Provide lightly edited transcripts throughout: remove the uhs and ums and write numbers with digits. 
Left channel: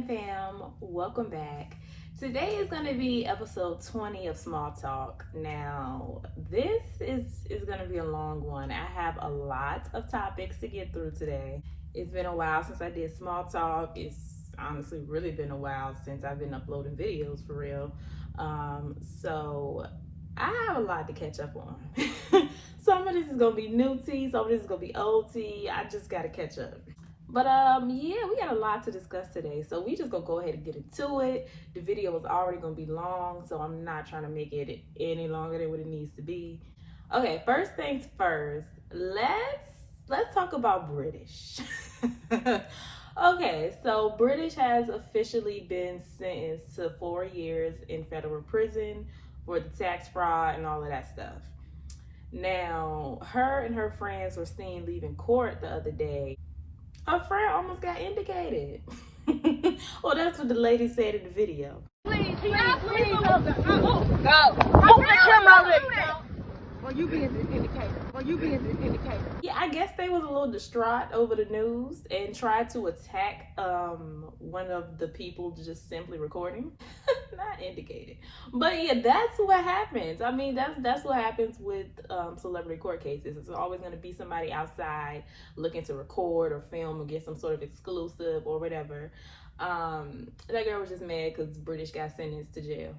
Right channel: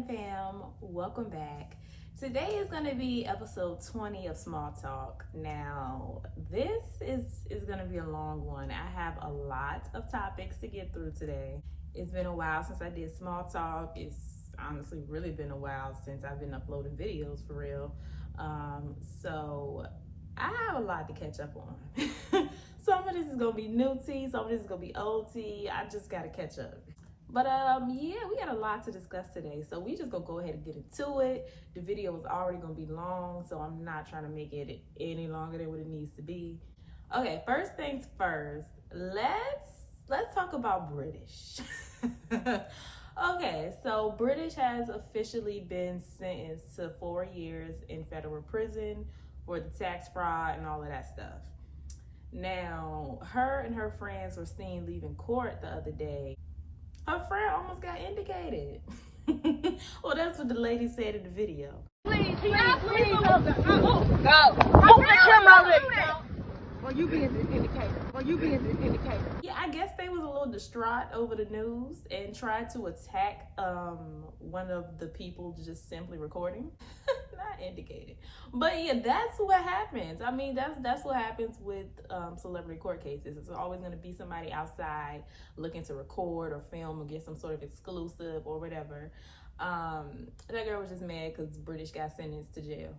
Tagline fam, welcome back. Today is going to be episode 20 of Small Talk. Now, this is going to be a long one. I have a lot of topics to get through today. It's been a while since I did Small Talk. It's honestly really been a while since I've been uploading videos for real. So I have a lot to catch up on. Some of this is going to be new tea, some of this is going to be old tea. I just got to catch up. But yeah, we got a lot to discuss today, so we just gonna go ahead and get into it. The video is already gonna be long, so I'm not trying to make it any longer than what it needs to be. Okay, first things first, let's talk about British. Okay, so British has officially been sentenced to 4 years in federal prison for the tax fraud and all of that stuff. Now, her and her friends were seen leaving court the other day. Her friend almost got indicated. Well, that's what the lady said in the video. Please, go. Move the camera over. Well, you being indicated. Yeah, I guess they was a little distraught over the news and tried to attack one of the people just simply recording. Not indicated. But yeah, that's what happens. I mean, that's what happens with celebrity court cases. It's always going to be somebody outside looking to record or film or get some sort of exclusive or whatever. That girl was just mad because British got sentenced to jail.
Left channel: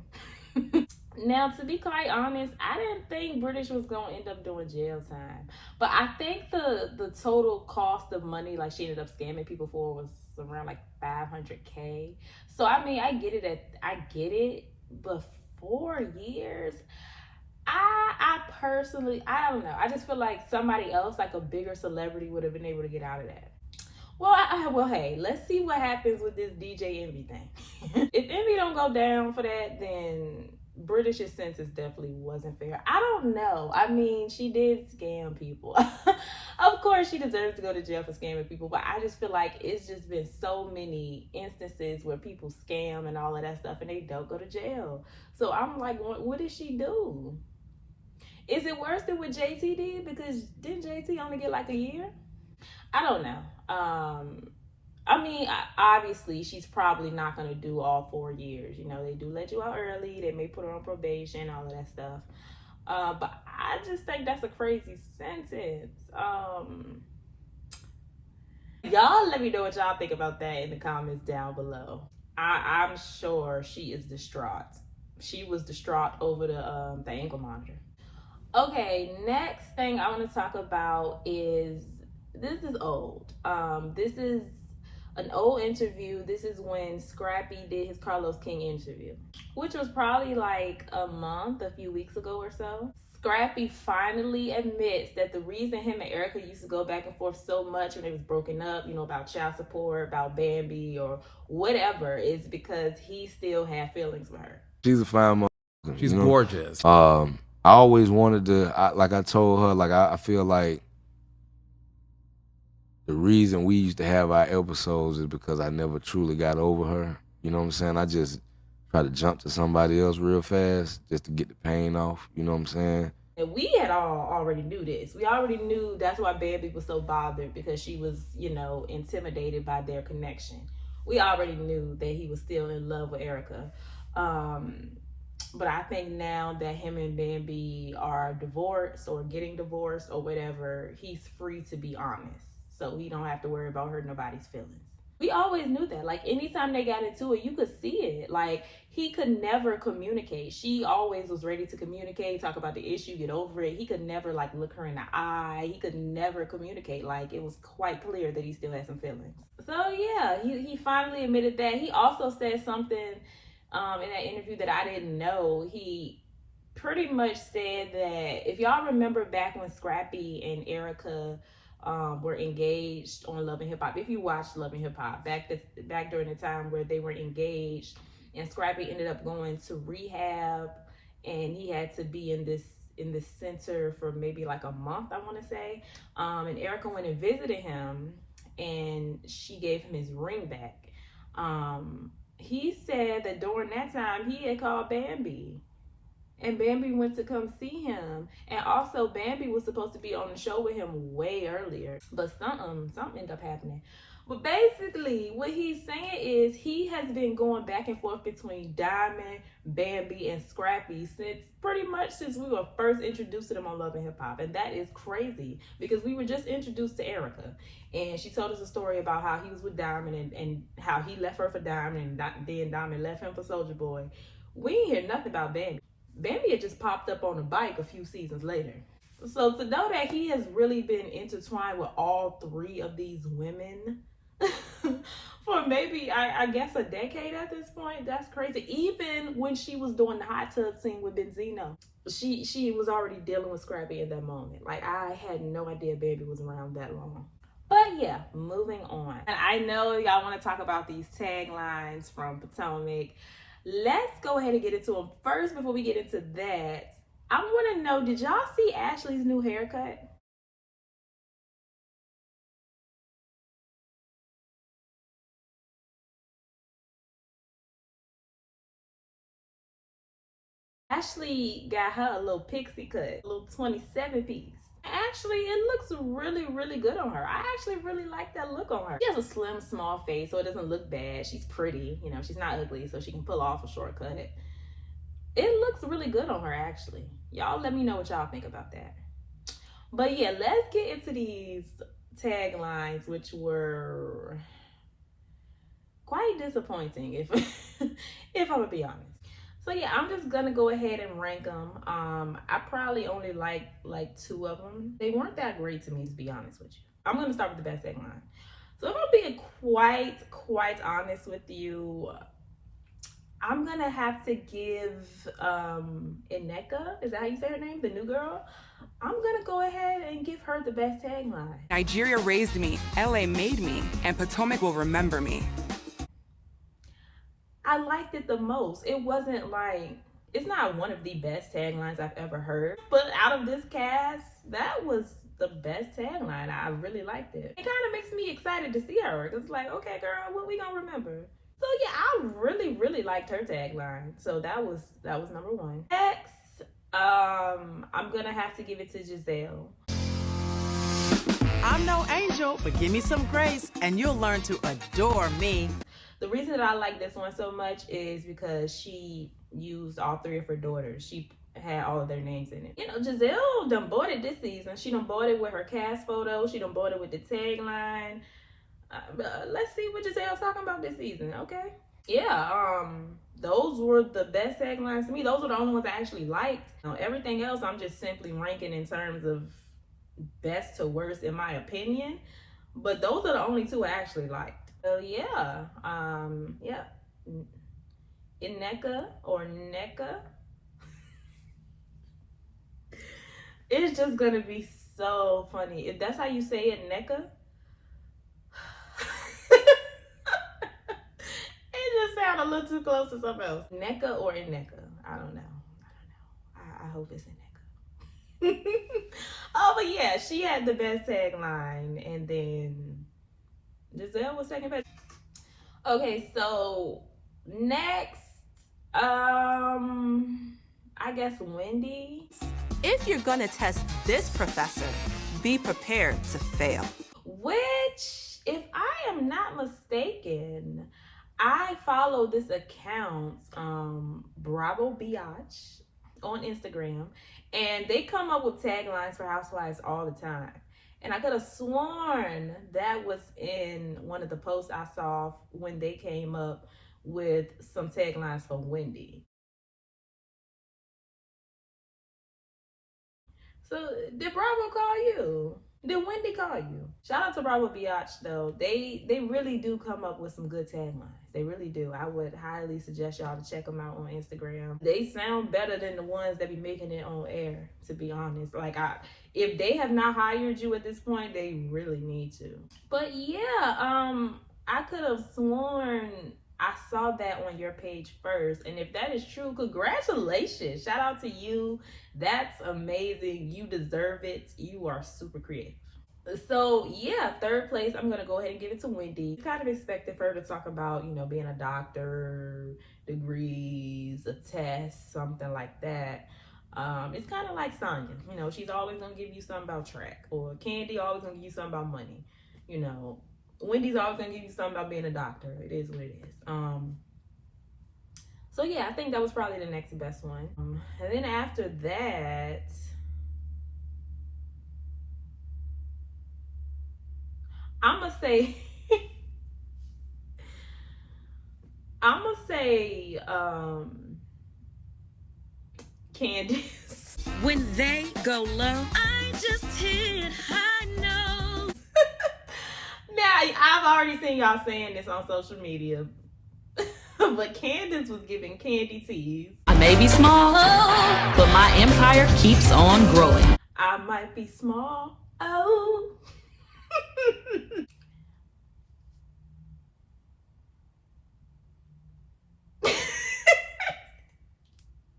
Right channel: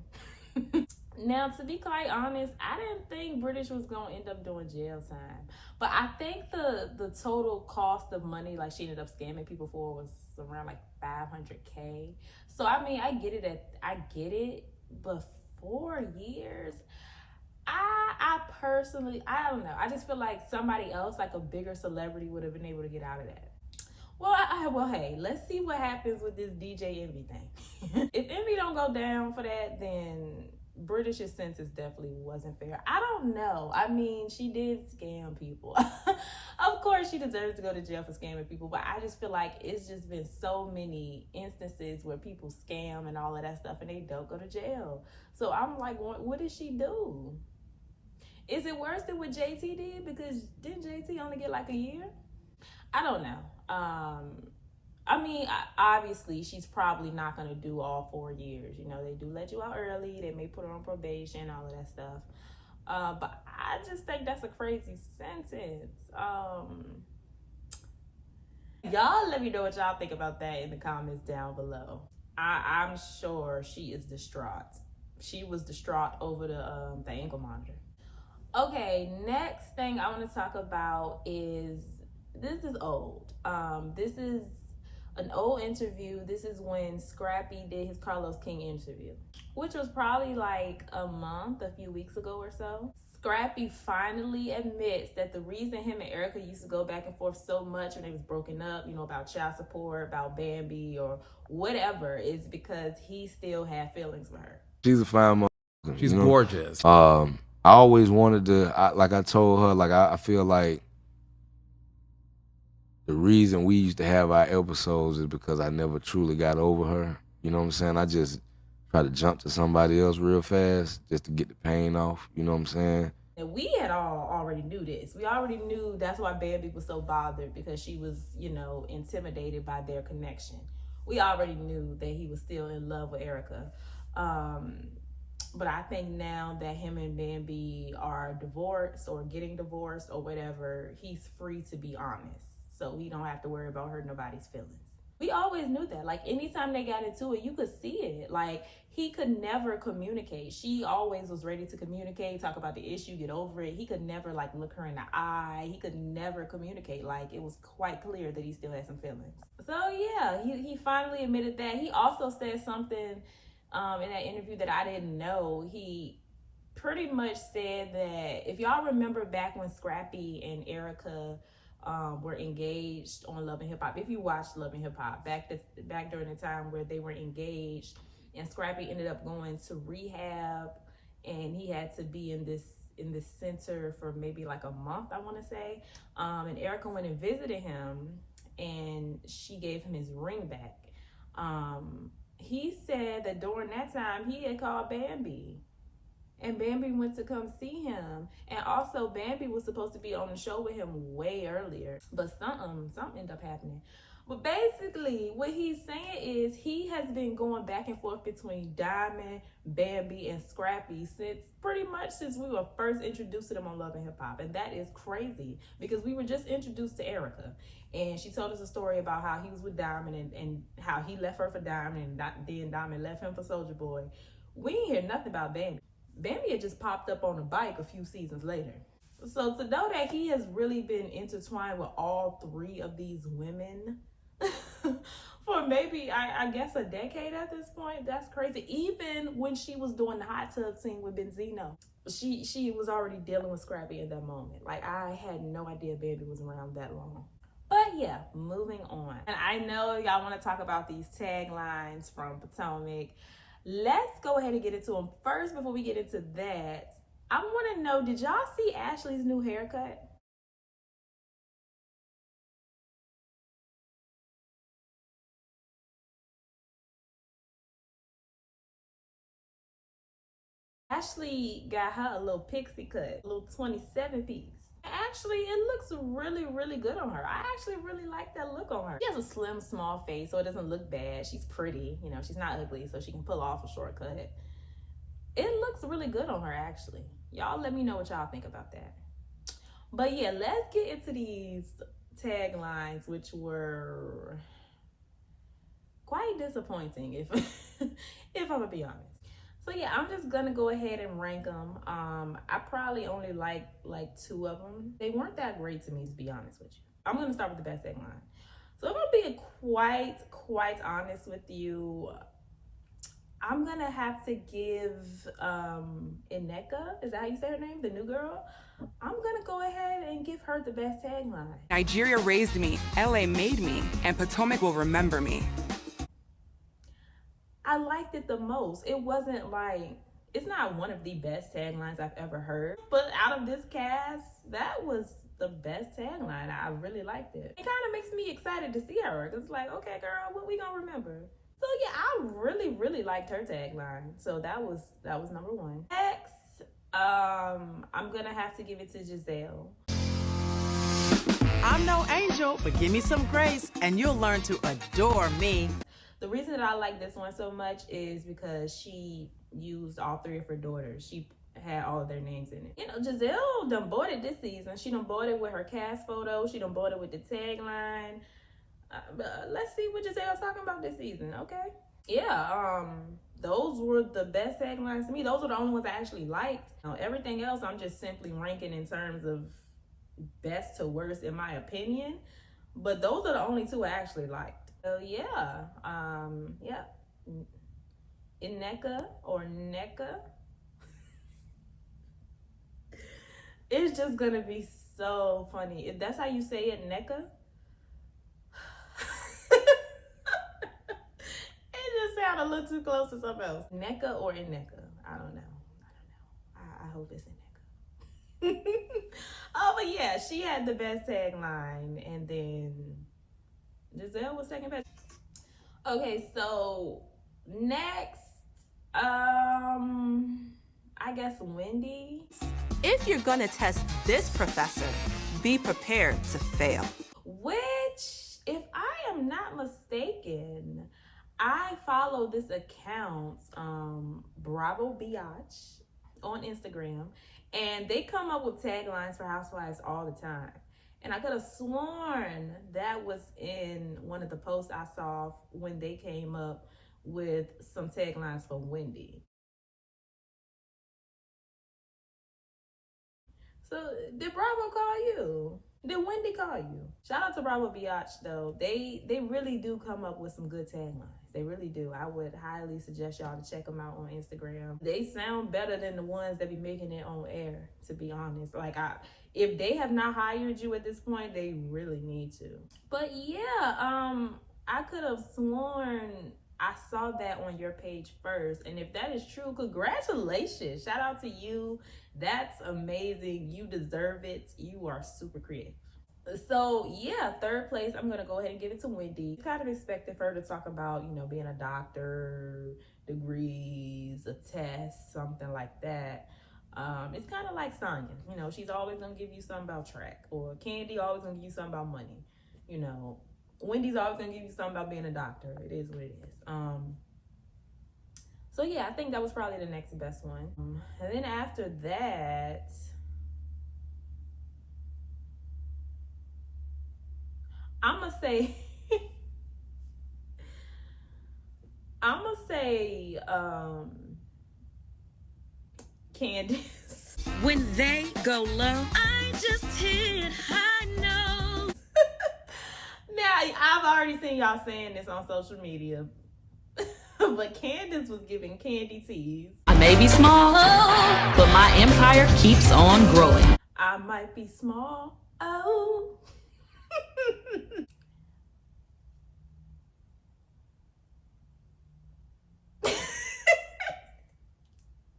Now, to be quite honest, I didn't think British was going to end up doing jail time. But I think the total cost of money, like she ended up scamming people for, was around like $500K. So, I mean, I get it. But 4 years, I personally, I don't know. I just feel like somebody else, like a bigger celebrity, would have been able to get out of that. Well, hey, let's see what happens with this DJ Envy thing. If Envy don't go down for that, then British's sentence definitely wasn't fair. I don't know. I mean, she did scam people. Of course, she deserves to go to jail for scamming people, but I just feel like it's just been so many instances where people scam and all of that stuff and they don't go to jail. So I'm like, what did she do? Is it worse than what JT did? Because didn't JT only get like a year? I don't know. I mean, obviously, she's probably not going to do all 4 years. You know, they do let you out early. They may put her on probation, all of that stuff. But I just think that's a crazy sentence. Y'all let me know what y'all think about that in the comments down below. I'm sure she is distraught. She was distraught over the ankle monitor. Okay, next thing I want to talk about is, this is old. This is an old interview. This is when Scrappy did his Carlos King interview, which was probably like a few weeks ago or so. Scrappy finally admits that the reason him and Erica used to go back and forth so much when they was broken up, you know, about child support, about Bambi or whatever, is because he still had feelings for her. She's a fine motherfucker. She's gorgeous. I always wanted to, like I told her, like I feel like the reason we used to have our episodes is because I never truly got over her. You know what I'm saying? I just try to jump to somebody else real fast just to get the pain off. You know what I'm saying? And we had already knew this. We already knew that's why Bambi was so bothered, because she was, you know, intimidated by their connection. We already knew that he was still in love with Erica. But I think now that him and Bambi are divorced or getting divorced or whatever, he's free to be honest. So he don't have to worry about hurting nobody's feelings. We always knew that. Like, anytime they got into it, you could see it. Like, he could never communicate. She always was ready to communicate, talk about the issue, get over it. He could never, like, look her in the eye. He could never communicate. Like, it was quite clear that he still had some feelings. So, yeah, he finally admitted that. He also said something in that interview that I didn't know. He pretty much said that, if y'all remember back when Scrappy and Erica were engaged on Love and Hip Hop. If you watched Love and Hip Hop, back during the time where they were engaged, and Scrappy ended up going to rehab, and he had to be in this center for maybe like a month, I want to say. And Erica went and visited him, and she gave him his ring back. He said that during that time he had called Bambi. And Bambi went to come see him. And also Bambi was supposed to be on the show with him way earlier. But something ended up happening. But basically, what he's saying is he has been going back and forth between Diamond, Bambi, and Scrappy since we were first introduced to them on Love and Hip Hop. And that is crazy because we were just introduced to Erica. And she told us a story about how he was with Diamond and how he left her for Diamond and then Diamond left him for Soulja Boy. We ain't hear nothing about Bambi. Bambi had just popped up on a bike a few seasons later. So to know that he has really been intertwined with all three of these women for maybe, I guess, a decade at this point, that's crazy. Even when she was doing the hot tub scene with Benzino, she was already dealing with Scrappy in that moment. Like, I had no idea Baby was around that long. But yeah, moving on. And I know y'all want to talk about these taglines from Potomac. Let's go ahead and get into them. First, before we get into that, I want to know, did y'all see Ashley's new haircut? Ashley got her a little pixie cut, a little 27 piece. Actually, it looks really, really good on her. I actually really like that look on her. She has a slim, small face, so it doesn't look bad. She's pretty, you know, she's not ugly, so she can pull off a shortcut. It looks really good on her, actually. Y'all let me know what y'all think about that. But yeah, let's get into these taglines, which were quite disappointing, if if I'm gonna be honest. So yeah, I'm just gonna go ahead and rank them. I probably only like two of them. They weren't that great to me, to be honest with you. I'm gonna start with the best tagline. So if I'm being quite honest with you, I'm gonna have to give Ineka, is that how you say her name? The new girl? I'm gonna go ahead and give her the best tagline. Nigeria raised me, LA made me, and Potomac will remember me. I liked it the most. It wasn't like, it's not one of the best taglines I've ever heard, but out of this cast, that was the best tagline. I really liked it. It kind of makes me excited to see her. It's like, okay, girl, what we gonna remember? So yeah, I really liked her tagline. So that was number one. Next, I'm gonna have to give it to Giselle. I'm no angel, but give me some grace and you'll learn to adore me. The reason that I like this one so much is because she used all three of her daughters. She had all of their names in it. You know, Giselle done bought it this season. She done bought it with her cast photo. She done bought it with the tagline. Let's see what Giselle's talking about this season, okay? Yeah, those were the best taglines to me. Those were the only ones I actually liked. Everything else I'm just simply ranking in terms of best to worst in my opinion. But those are the only two I actually liked. So yeah, yeah. Ineka or Neka. It's just gonna be so funny. If that's how you say it, Neka. It just sounded a little too close to something else. Neka or Ineka. I don't know. I hope it's Ineka. Oh, but yeah, she had the best tagline, and then Giselle was second best. Okay, so next, I guess Wendy. If you're gonna test this professor, be prepared to fail. Which, if I am not mistaken, I follow this account, Bravo Biatch, on Instagram, and they come up with taglines for housewives all the time. And I could have sworn that was in one of the posts I saw when they came up with some taglines for Wendy. So did Bravo call you? Did Wendy call you? Shout out to Bravo Biatch though. They really do come up with some good taglines. They really do. I would highly suggest y'all to check them out on Instagram. They sound better than the ones that be making it on air, to be honest. Like, if they have not hired you at this point, they really need to. But yeah, I could have sworn I saw that on your page first. And if that is true, congratulations. Shout out to you. That's amazing. You deserve it. You are super creative. So yeah, third place, I'm gonna go ahead and give it to Wendy. Kind of expected for her to talk about, you know, being a doctor, degrees, a test, something like that. It's kind of like Sonya, you know, she's always gonna give you something about track, or Candy always gonna give you something about money, you know. Wendy's always gonna give you something about being a doctor. It is what it is. So yeah, I think that was probably the next best one. And then after that, I'ma say Candace. When they go low, I just hit high notes. Now, I've already seen y'all saying this on social media, but Candace was giving Candy tease. I may be small, but my empire keeps on growing. I might be small. Oh.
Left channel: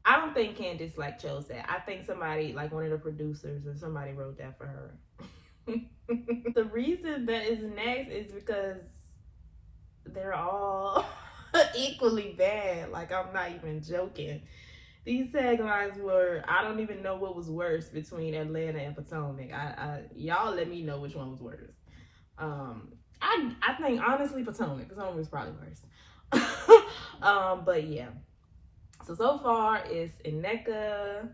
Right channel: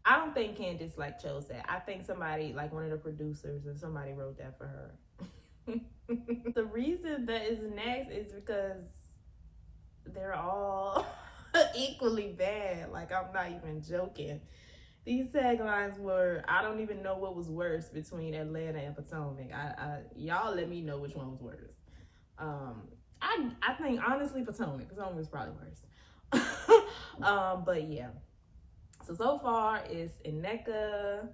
I don't think Candace chose that. I think somebody, one of the producers or somebody wrote that for her. The reason that is next is because they're all equally bad. I'm not even joking. These taglines were, I don't even know what was worse between Atlanta and Potomac. Y'all let me know which one was worse. I think honestly Potomac was probably worse. But yeah. So far it's Eneka,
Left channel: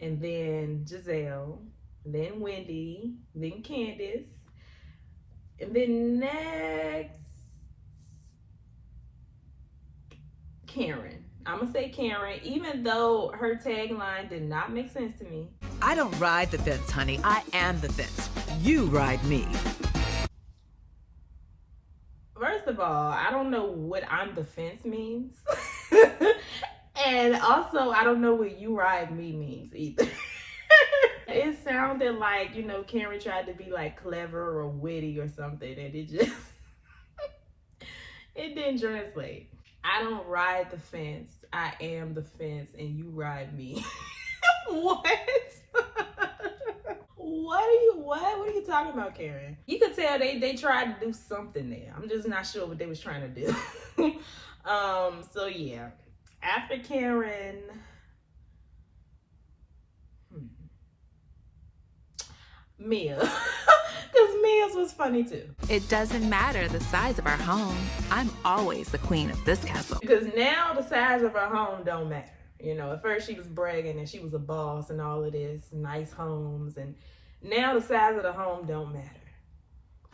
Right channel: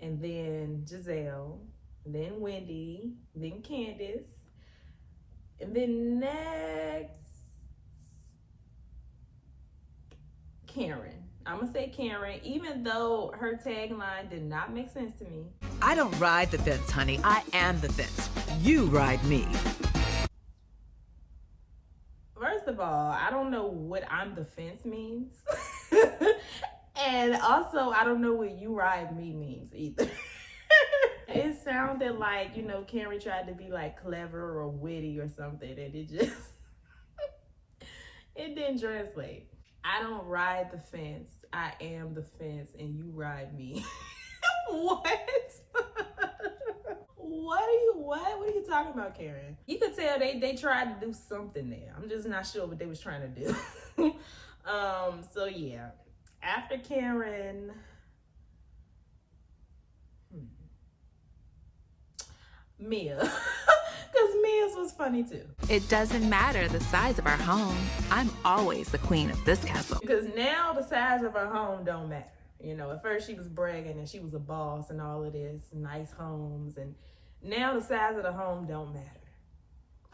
and then Giselle, and then Wendy, then Candace, and then next Karen. I'm gonna say Karen, even though her tagline did not make sense to me. I don't ride the fence, honey. I am the fence. You ride me. First of all, I don't know what I'm the fence means. And also, I don't know what you ride me means either. It sounded like, Karen tried to be clever or witty or something, and it just, it didn't translate. I don't ride the fence. I am the fence, and you ride me. What? What are you talking about, Karen? You could tell they tried to do something there. I'm just not sure what they was trying to do. So yeah. After Karen, Mia. Because Mia's was funny too. It doesn't matter the size of our home. I'm always the queen of this castle. Because now the size of her home don't matter. At first she was bragging and she was a boss and all of this, nice homes. And now the size of the home don't matter.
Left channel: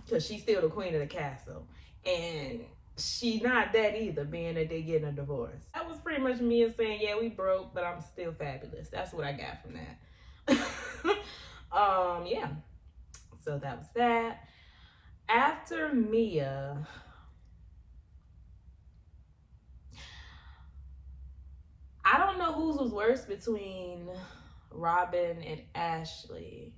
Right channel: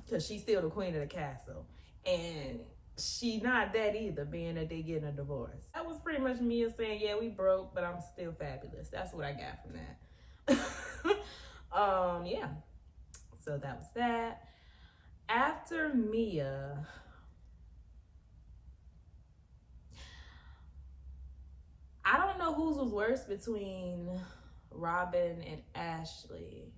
Because she's still the queen of the castle. And she not that either, being that they getting a divorce. That was pretty much Mia saying, yeah, we broke, but I'm still fabulous. That's what I got from that. Yeah. So that was that. After Mia, I don't know whose was worse between Robin and Ashley.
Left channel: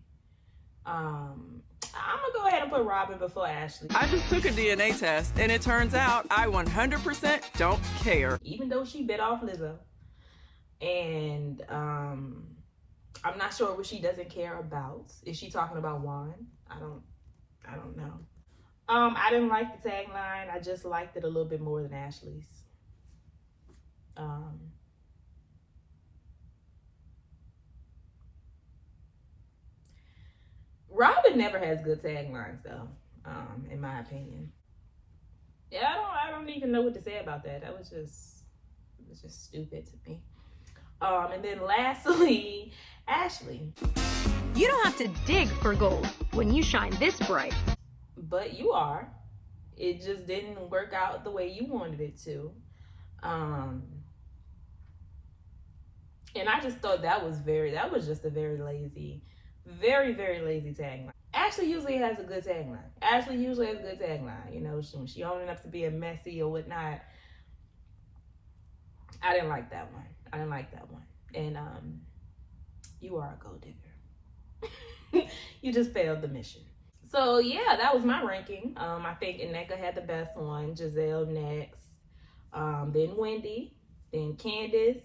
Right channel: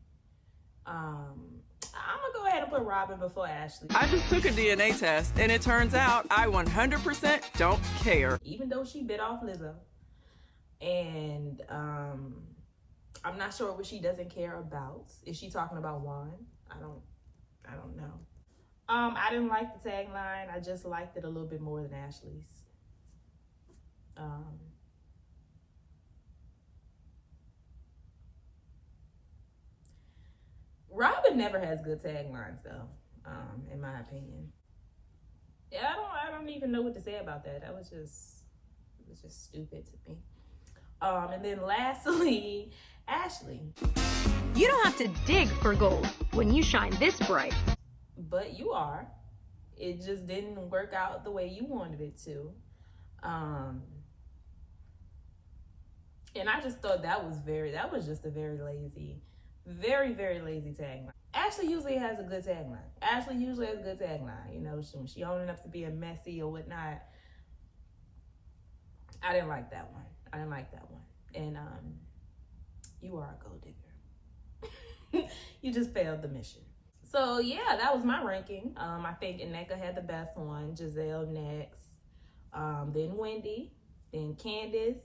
I'm gonna go ahead and put Robin before Ashley. I just took a DNA test, and it turns out I 100% don't care. Even though she bit off Lizzo. And I'm not sure what she doesn't care about. Is she talking about Juan? I don't know. I didn't like the tagline. I just liked it a little bit more than Ashley's. Robin never has good taglines though, in my opinion. Yeah, I don't even know what to say about that. That was just stupid to me. And then lastly, Ashley. You don't have to dig for gold when you shine this bright. But you are. It just didn't work out the way you wanted it to. And I just thought that was just a very lazy, very, very lazy tagline. Ashley usually has a good tagline. When she owning up to being messy or whatnot. I didn't like that one. And you are a gold digger. You just failed the mission. So yeah, that was my ranking. I think Eneka had the best one. Giselle next. Then Wendy. Then Candace.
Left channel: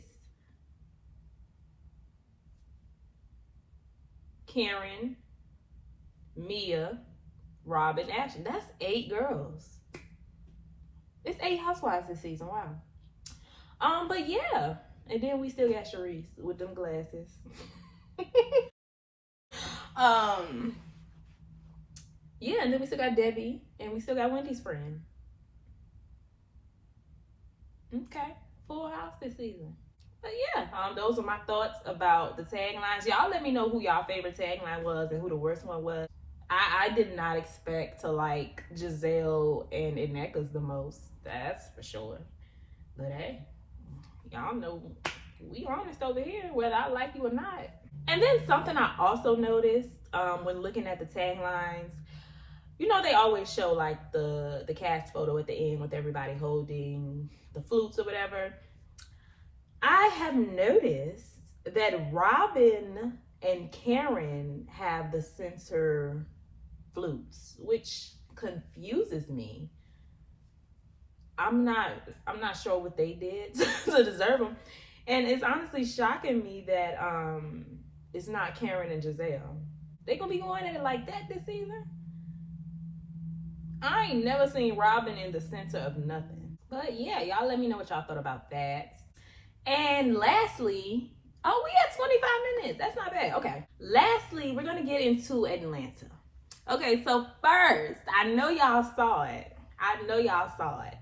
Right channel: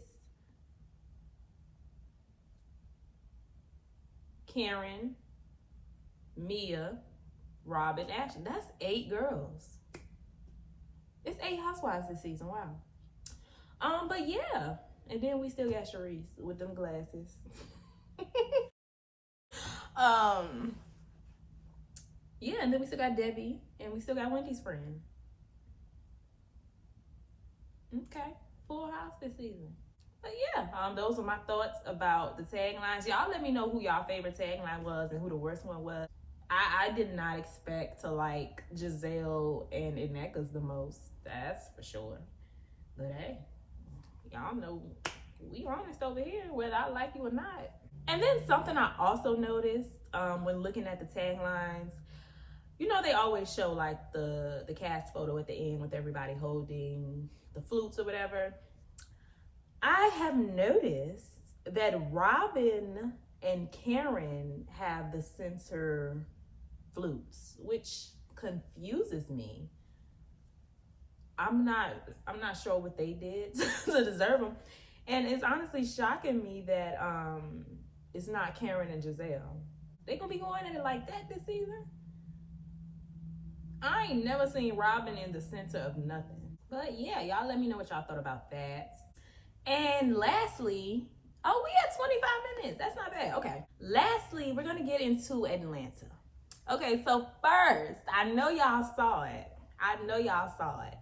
Karen. Mia. Robin. Ashley. That's 8 girls. It's 8 housewives this season. Wow. But yeah. And then we still got Sharice with them glasses. Yeah, and then we still got Debbie, and we still got Wendy's friend. Okay, full house this season. But yeah, those are my thoughts about the taglines. Y'all let me know who y'all favorite tagline was and who the worst one was. I did not expect to like Giselle and Ineka's the most. That's for sure. But hey, y'all know we honest over here, whether I like you or not. And then something I also noticed when looking at the taglines, you know, they always show like the cast photo at the end with everybody holding the flutes or whatever. I have noticed that Robin and Karen have the center flutes, which confuses me. I'm not sure what they did to deserve them, and it's honestly shocking me that it's not Karen and Giselle. They gonna be going at it like that this season? I ain't never seen Robin in the center of nothing. But yeah, y'all let me know what y'all thought about that. And lastly, oh, we had 25 minutes. That's not bad. Okay. Lastly, we're gonna get into Atlanta. Okay, so first, I know y'all saw it.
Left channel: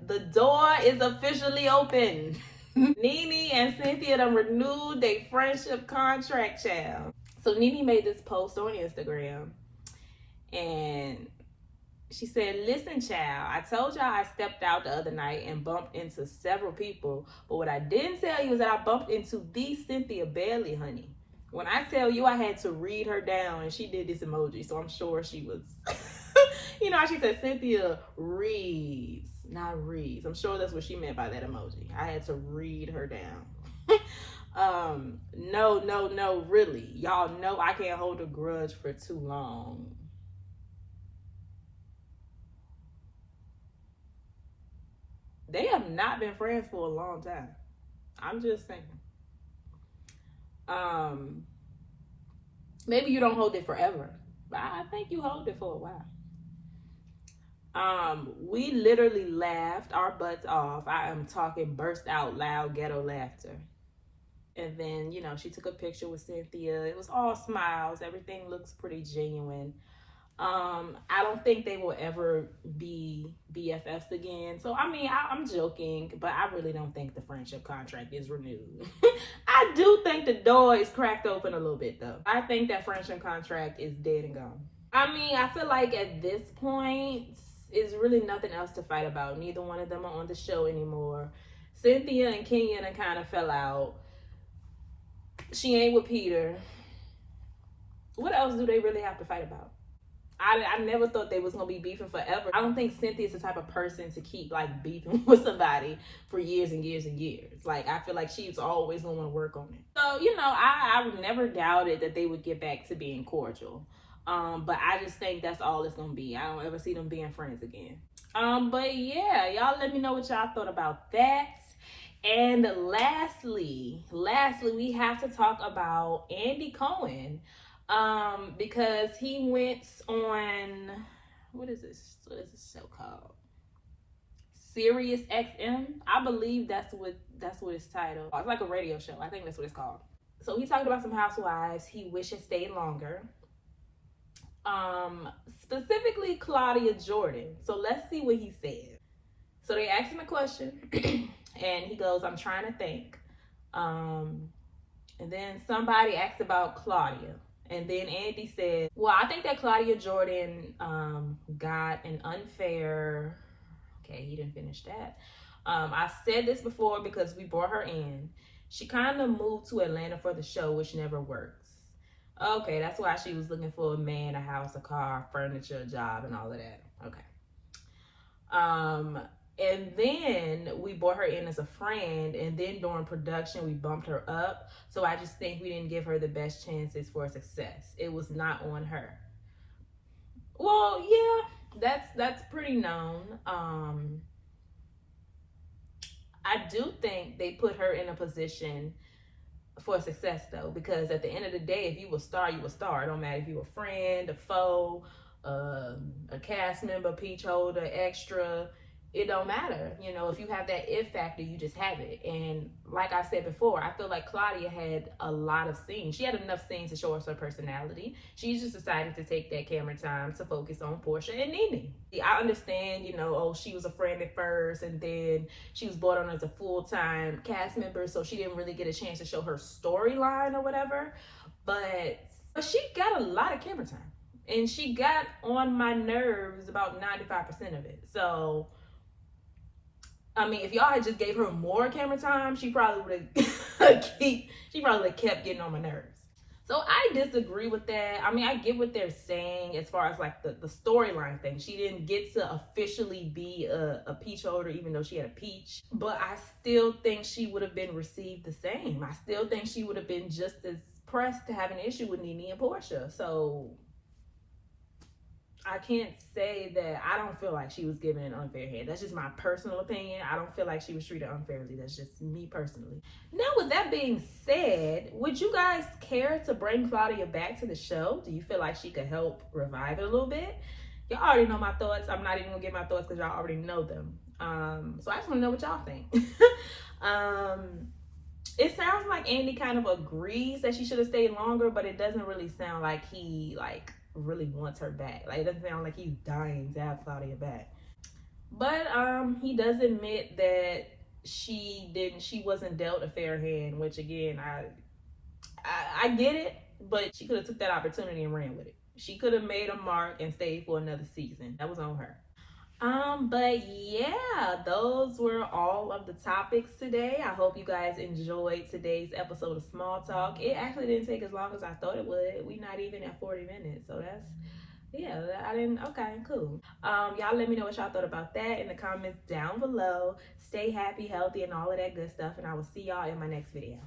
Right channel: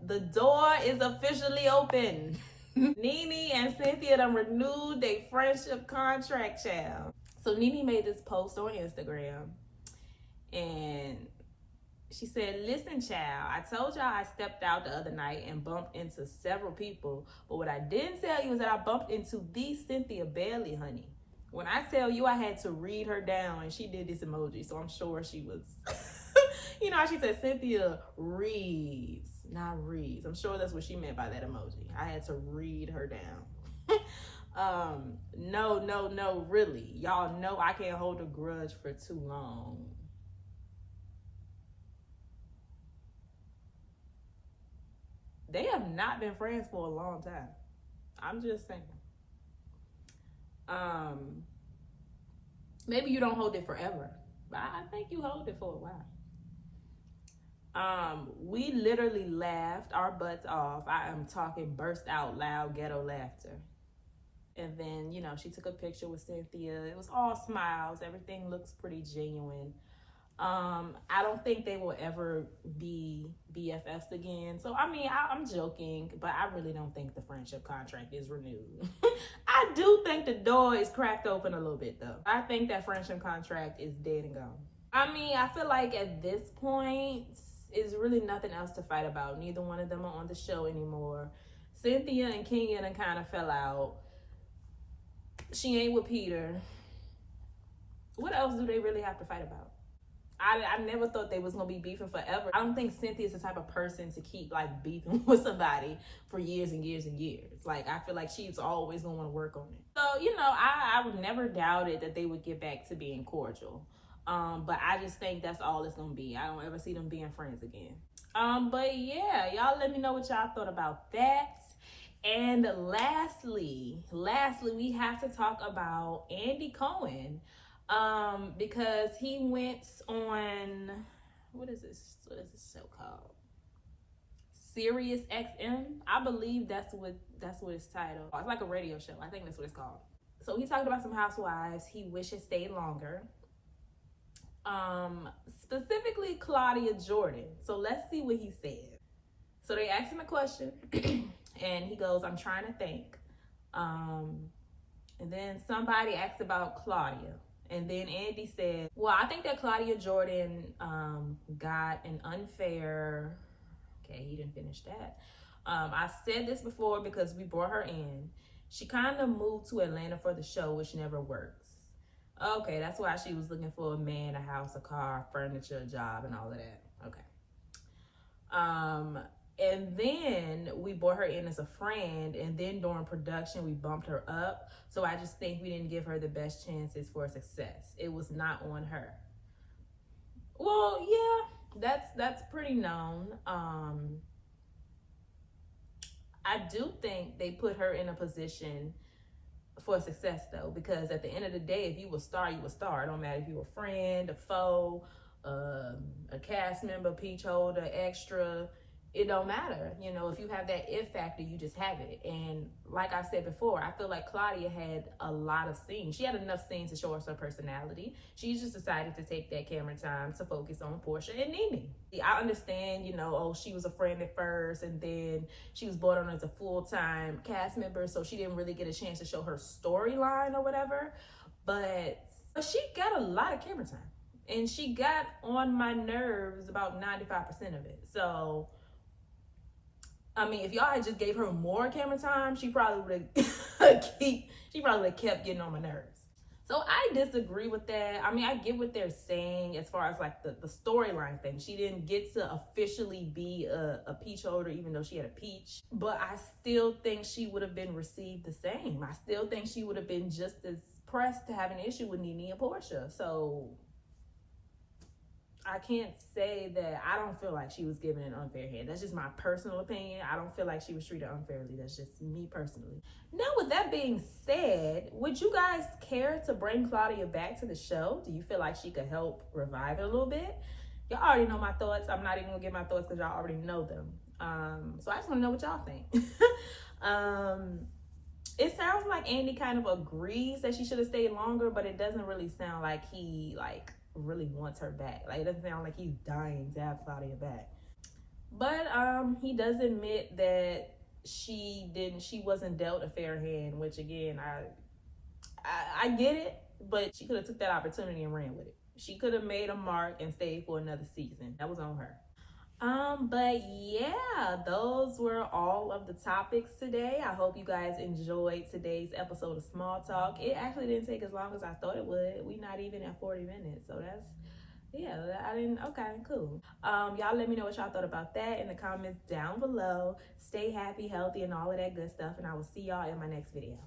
The door is officially open. Nene and Cynthia done renewed their friendship contract, child. So Nene made this post on Instagram, and she said, "Listen, child, I told y'all I stepped out the other night and bumped into several people, but what I didn't tell you is that I bumped into the Cynthia Bailey, honey. When I tell you, I had to read her down, and she did this emoji, so I'm sure she was, you know how she said Cynthia reads, not reads. I'm sure that's what she meant by that emoji. I had to read her down." No, really. Y'all know I can't hold a grudge for too long. They have not been friends for a long time. I'm just saying. Maybe you don't hold it forever, but I think you hold it for a while. We literally laughed our butts off. I am talking burst out loud ghetto laughter. And then, you know, she took a picture with Cynthia. It was all smiles. Everything looks pretty genuine. I don't think they will ever be BFFs again. So, I mean, I'm joking, but I really don't think the friendship contract is renewed. I do think the door is cracked open a little bit, though. I think that friendship contract is dead and gone. I mean, I feel like at this point, it's really nothing else to fight about. Neither one of them are on the show anymore. Cynthia and Kenya kind of fell out. She ain't with Peter. What else do they really have to fight about? I never thought they was gonna be beefing forever. I don't think Cynthia's the type of person to keep like beefing with somebody for years and years and years. Like, I feel like she's always gonna want to work on it. So, you know, I never doubted that they would get back to being cordial. But I just think that's all it's gonna be. I don't ever see them being friends again. But yeah, y'all let me know what y'all thought about that. And lastly, we have to talk about Andy Cohen. Because he went on, what is this show called? Sirius XM. I believe that's what it's titled. It's like a radio show. I think that's what it's called. So he talked about some housewives he wishes stayed longer. Specifically Claudia Jordan. So let's see what he said. So they asked him a question and he goes, "I'm trying to think." And then somebody asked about Claudia. And then Andy said, "Well, I think that Claudia Jordan got an unfair..." Okay, he didn't finish that. "I said this before because we brought her in. She kind of moved to Atlanta for the show, which never works." Okay, that's why she was looking for a man, a house, a car, furniture, a job, and all of that. Okay. And then we brought her in as a friend, and then during production we bumped her up. So I just think we didn't give her the best chances for success. It was not on her. Well, yeah, that's pretty known. I do think they put her in a position for success though, because at the end of the day, if you a star, you a star. It don't matter if you a friend, a foe, a cast member, peach holder, extra. it don't matter. You know, if you have that if factor, you just have it. And like I said before, I feel like Claudia had a lot of scenes. She had enough scenes to show us her personality. She just decided to take that camera time to focus on Portia and Nene. I understand, you know, oh, she was a friend at first, and then she was brought on as a full-time cast member, so she didn't really get a chance to show her storyline or whatever. But she got a lot of camera time. And she got on my nerves about 95% of it. So I mean, if y'all had just gave her more camera time, she probably would have kept getting on my nerves. So I disagree with that. I mean, I get what they're saying as far as like the storyline thing. She didn't get to officially be a peach holder, even though she had a peach. But I still think she would have been received the same. I still think she would have been just as pressed to have an issue with Nene and Portia. So I can't say that I don't feel like she was given an unfair hand. That's just my personal opinion. I don't feel like she was treated unfairly. That's just me personally. Now, with that being said, would you guys care to bring Claudia back to the show? Do you feel like she could help revive it a little bit? Y'all already know my thoughts. I'm not even gonna get my thoughts because y'all already know them. So I just want to know what y'all think. It sounds like Andy kind of agrees that she should have stayed longer, but it doesn't really sound like he really wants her back. Like, it doesn't sound like he's dying to have Claudia back. But he does admit that she wasn't dealt a fair hand, which again, I get it, but she could have took that opportunity and ran with it. She could have made a mark and stayed for another season. That was on her. But yeah, those were all of the topics today. I hope you guys enjoyed today's episode of Small Talk. It actually didn't take as long as I thought it would. We're not even at 40 minutes, so that's, yeah, okay, cool. Y'all let me know what y'all thought about that in the comments down below. Stay happy, healthy, and all of that good stuff, and I will see y'all in my next video.